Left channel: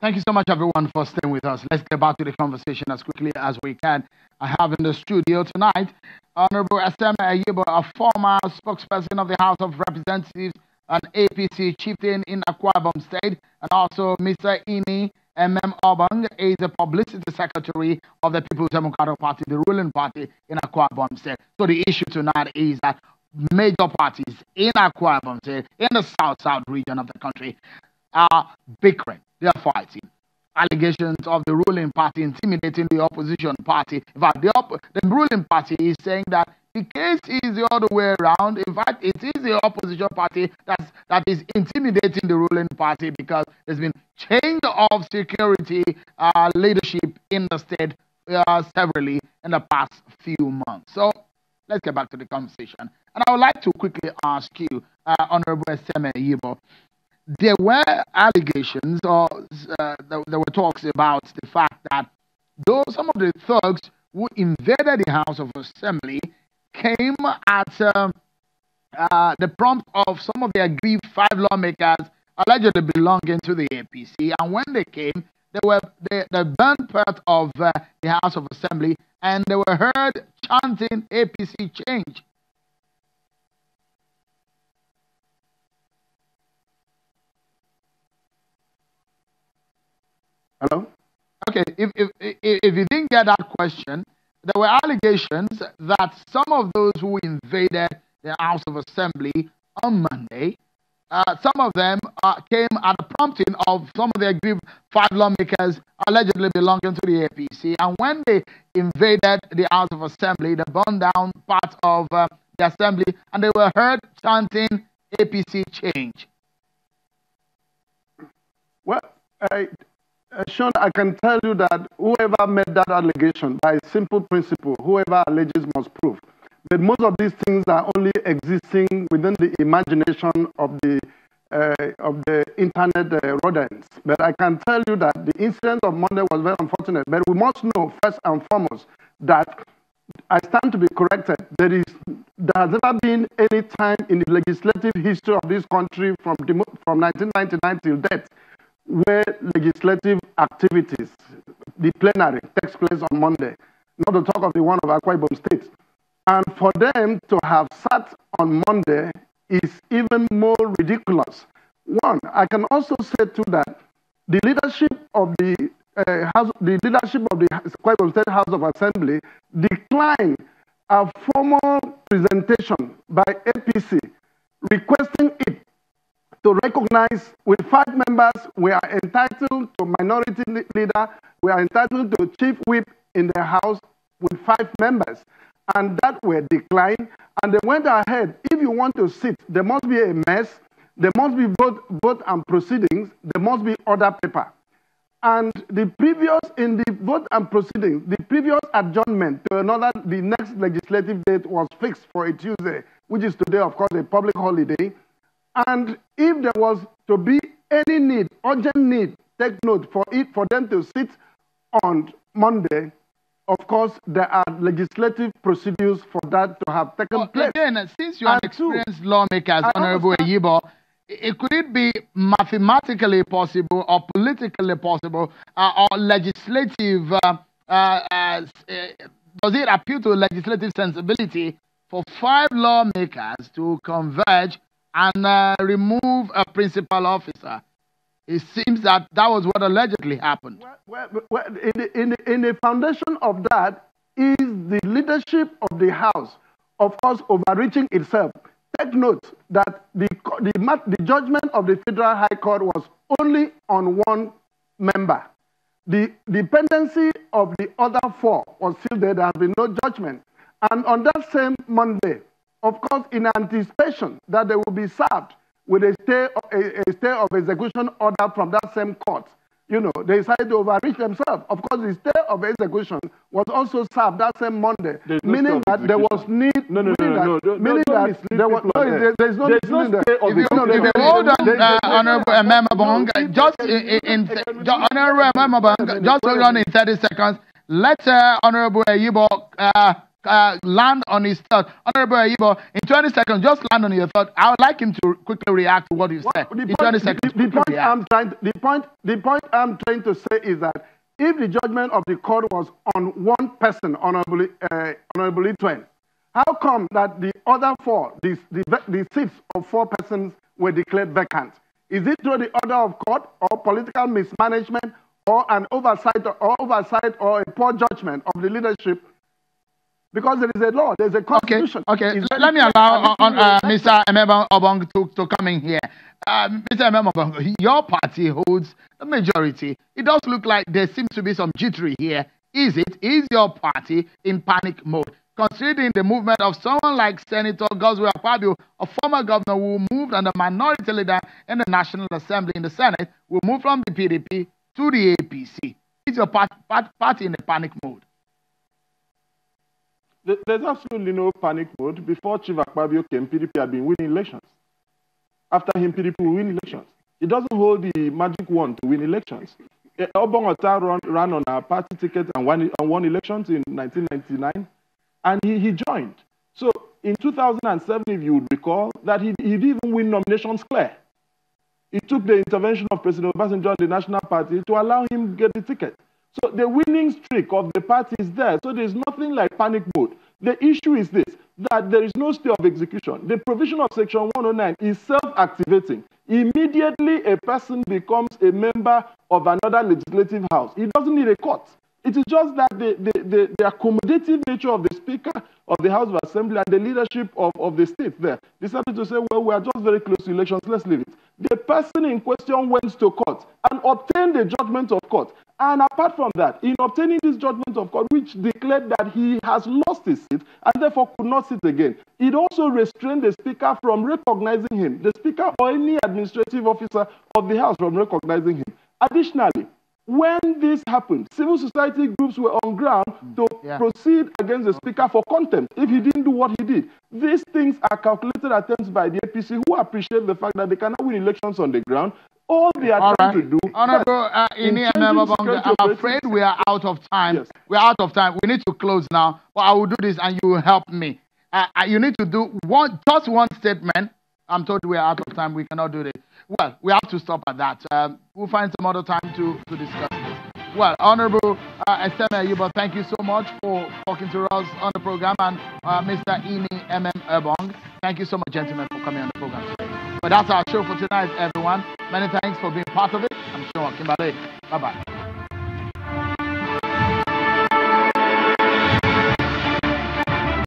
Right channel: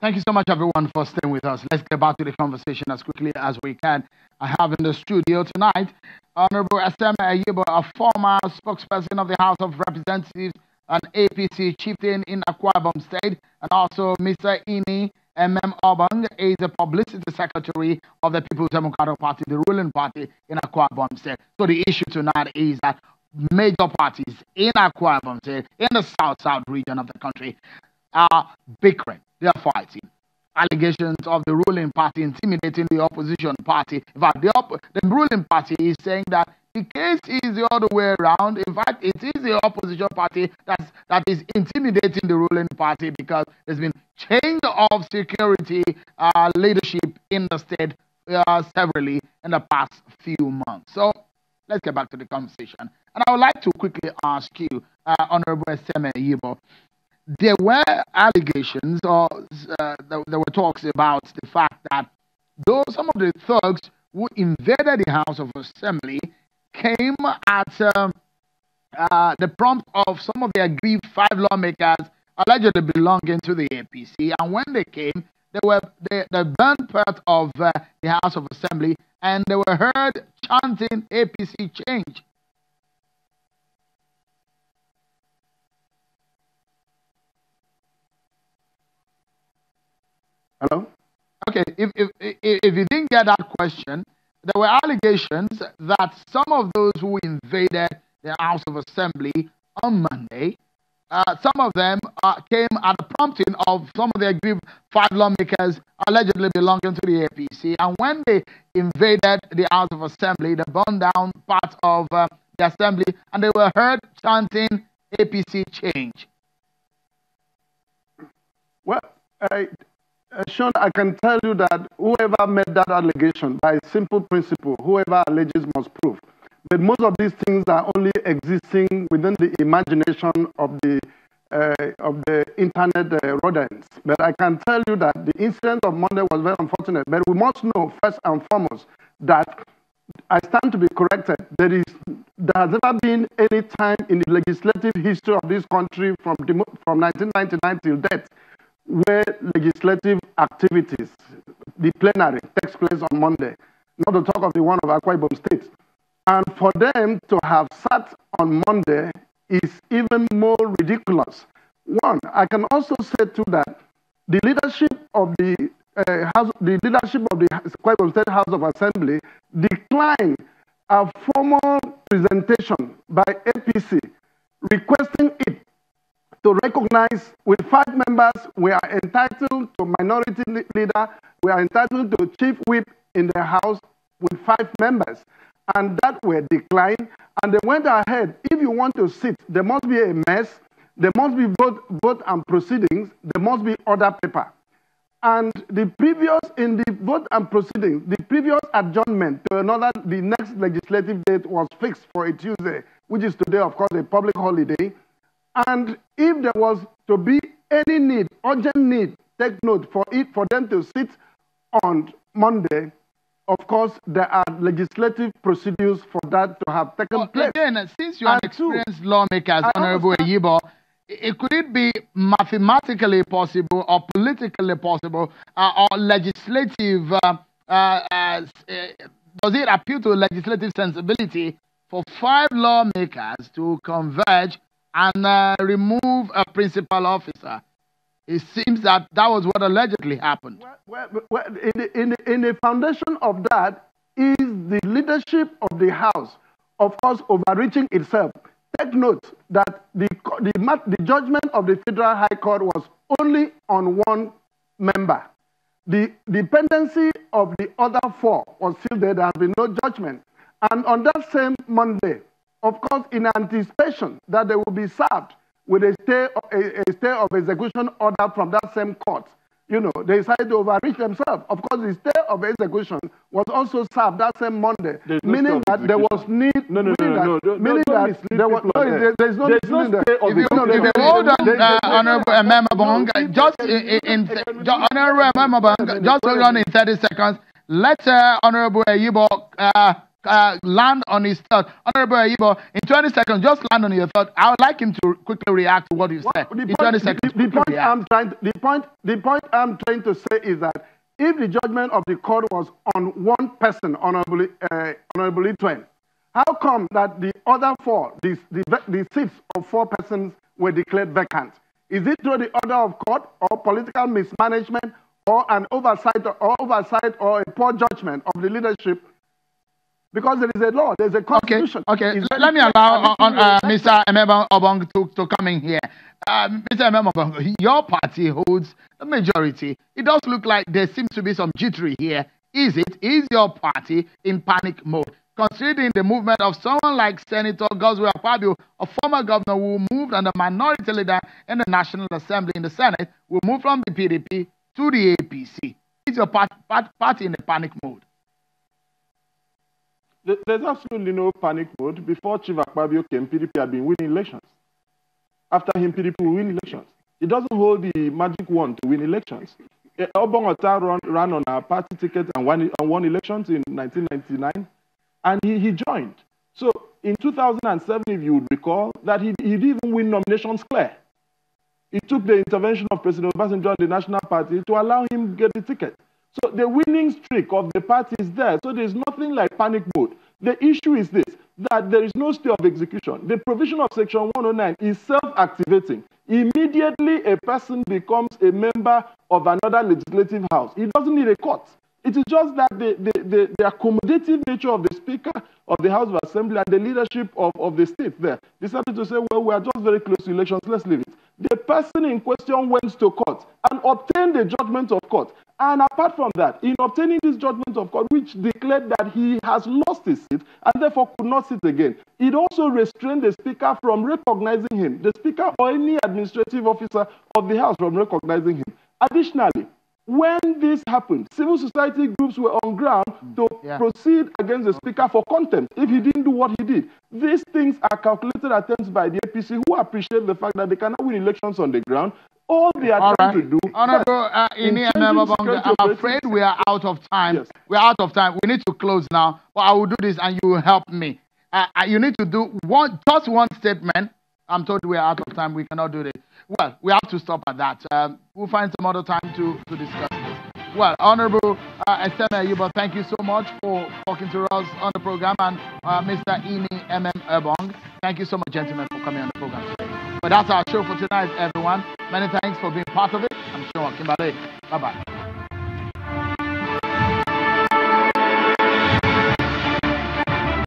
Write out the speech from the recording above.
Thank you so much, everyone, for staying with us. Let's get back to the conversation as quickly as we can. I have in the studio tonight Honorable Akwa-Ibom, a former spokesperson of the House of Representatives and APC chieftain in Akwa-Ibom State, and also Mr. Ini Obang is the publicity secretary of the People's Democratic Party, the ruling party in Akwa-Ibom State. So the issue tonight is that major parties in Akwa-Ibom State, in the south region of the country, are bickering. They are fighting. Allegations of the ruling party intimidating the opposition party. In fact, the ruling party is saying that the case is the other way around. In fact, it is the opposition party that is intimidating the ruling party because there's been change of security leadership in the state severally in the past few months. So let's get back to the conversation. And I would like to quickly ask you, Honorable Akwa-Ibom, there were allegations or there were talks about the fact that some of the thugs who invaded the House of Assembly came at the prompt of some of the aggrieved 5 lawmakers allegedly belonging to the APC. And when they came, they burned part of the House of Assembly and they were heard chanting APC change. Hello? Okay, if you didn't get that question, there were allegations that some of those who invaded the House of Assembly on Monday, some of them came at the prompting of some of the aggrieved 5 lawmakers allegedly belonging to the APC. And when they invaded the House of Assembly, they burned down part of the Assembly and they were heard chanting APC change. Well, Sean, I can tell you that whoever made that allegation, by simple principle, whoever alleges must prove. But most of these things are only existing within the imagination of the internet rodents. But I can tell you that the incident of Monday was very unfortunate. But we must know first and foremost that I stand to be corrected. There has never been any time in the legislative history of this country from 1999 till date where legislative activities, the plenary, takes place on Monday, not to talk of the one of Akwa-Ibom State. And for them to have sat on Monday is even more ridiculous. One, I can also say too that the leadership of the Akwa-Ibom State House of Assembly declined a formal presentation by APC requesting it to recognize with 5 members, we are entitled to minority leader, we are entitled to chief whip in the House with 5 members. And that were declined. And they went ahead. If you want to sit, there must be a mess, there must be vote and proceedings, there must be order paper. And in the vote and proceedings, the previous adjournment to the next legislative date was fixed for a Tuesday, which is today, of course, a public holiday. And if there was to be any need, urgent need, take note for them to sit on Monday, of course, there are legislative procedures for that to have taken place. Again, since you are experienced lawmakers, Honorable Akwa-Ibom, could it be mathematically possible or politically possible or legislative, does it appeal to legislative sensibility for 5 lawmakers to converge and remove a principal officer? It seems that was what allegedly happened. Well, in the foundation of that is the leadership of the House, of course, overreaching itself. Take note that the judgment of the Federal High Court was only on 1 member. The dependency of the other 4 was still there. There has been no judgment. And on that same Monday, of course, in anticipation that they will be served with a stay of execution order from that same court, they decided to overreach themselves. Of course, the stay of execution was also served that same Monday, meaning that there was need. There's no stay of execution. Hold on, Honorable Akwa-Ibom, just hold on in 30 seconds. Let Honorable Akwa-Ibom land on his thought. Honorable Akwa-Ibom, in 20 seconds, just land on your thought. I would like him to quickly react to what you said. In 20 seconds, the point I'm trying to say is that if the judgment of the court was on one person, Honorable Pt.2, how come that the other four, the seats of 4 persons were declared vacant? Is it through the order of court or political mismanagement or an oversight or a poor judgment of the leadership? Because there is a law, there's a constitution. Okay. Let me allow Mr. Akwa-Ibom to come in here. Mr. Akwa-Ibom, your party holds a majority. It does look like there seems to be some jittery here. Is your party in panic mode? Considering the movement of someone like Senator Akwa-Ibom, a former governor who moved and a minority leader in the National Assembly in the Senate, will move from the PDP to the APC. Is your party in a panic mode? There's absolutely no panic mode. Before Chief Akwa-Ibom came, PDP had been winning elections. After him, PDP will win elections. He doesn't hold the magic wand to win elections. Obong ran on our party ticket and won elections in 1999, and he joined. So in 2007, if you would recall, that he didn't even win nominations clear. It took the intervention of President Obasanjo and the National Party to allow him to get the ticket. So the winning streak of the party is there. So there's nothing like panic mode. The issue is this, that there is no stay of execution. The provision of Section 109 is self-activating. Immediately a person becomes a member of another legislative house. He doesn't need a court. It is just that the accommodative nature of the Speaker of the House of Assembly and the leadership of the state there decided to say, well, we are just very close to elections, let's leave it. The person in question went to court and obtained the judgment of court. And apart from that, in obtaining this judgment of court, which declared that he has lost his seat and therefore could not sit again, it also restrained the Speaker from recognizing him, the Speaker or any administrative officer of the House from recognizing him. Additionally, when this happened, civil society groups were on ground to proceed against the Speaker for contempt if he didn't do what he did. These things are calculated attempts by the APC, who appreciate the fact that they cannot win elections on the ground. All they are trying to do... Honorable I'm afraid we are out of time. Yes. We are out of time. We need to close now. But I will do this and you will help me. You need to do just one statement. I'm told we are out of time. We cannot do this. Well, we have to stop at that. We'll find some other time to discuss this. Well, Honorable Akwa-Ibom, thank you so much for talking to us on the program. And Mr. Akwa-Ibom, thank you so much, gentlemen, for coming on the program. But that's our show for tonight, everyone. Many thanks for being part of it. I'm sure Kimbale. Bye-bye.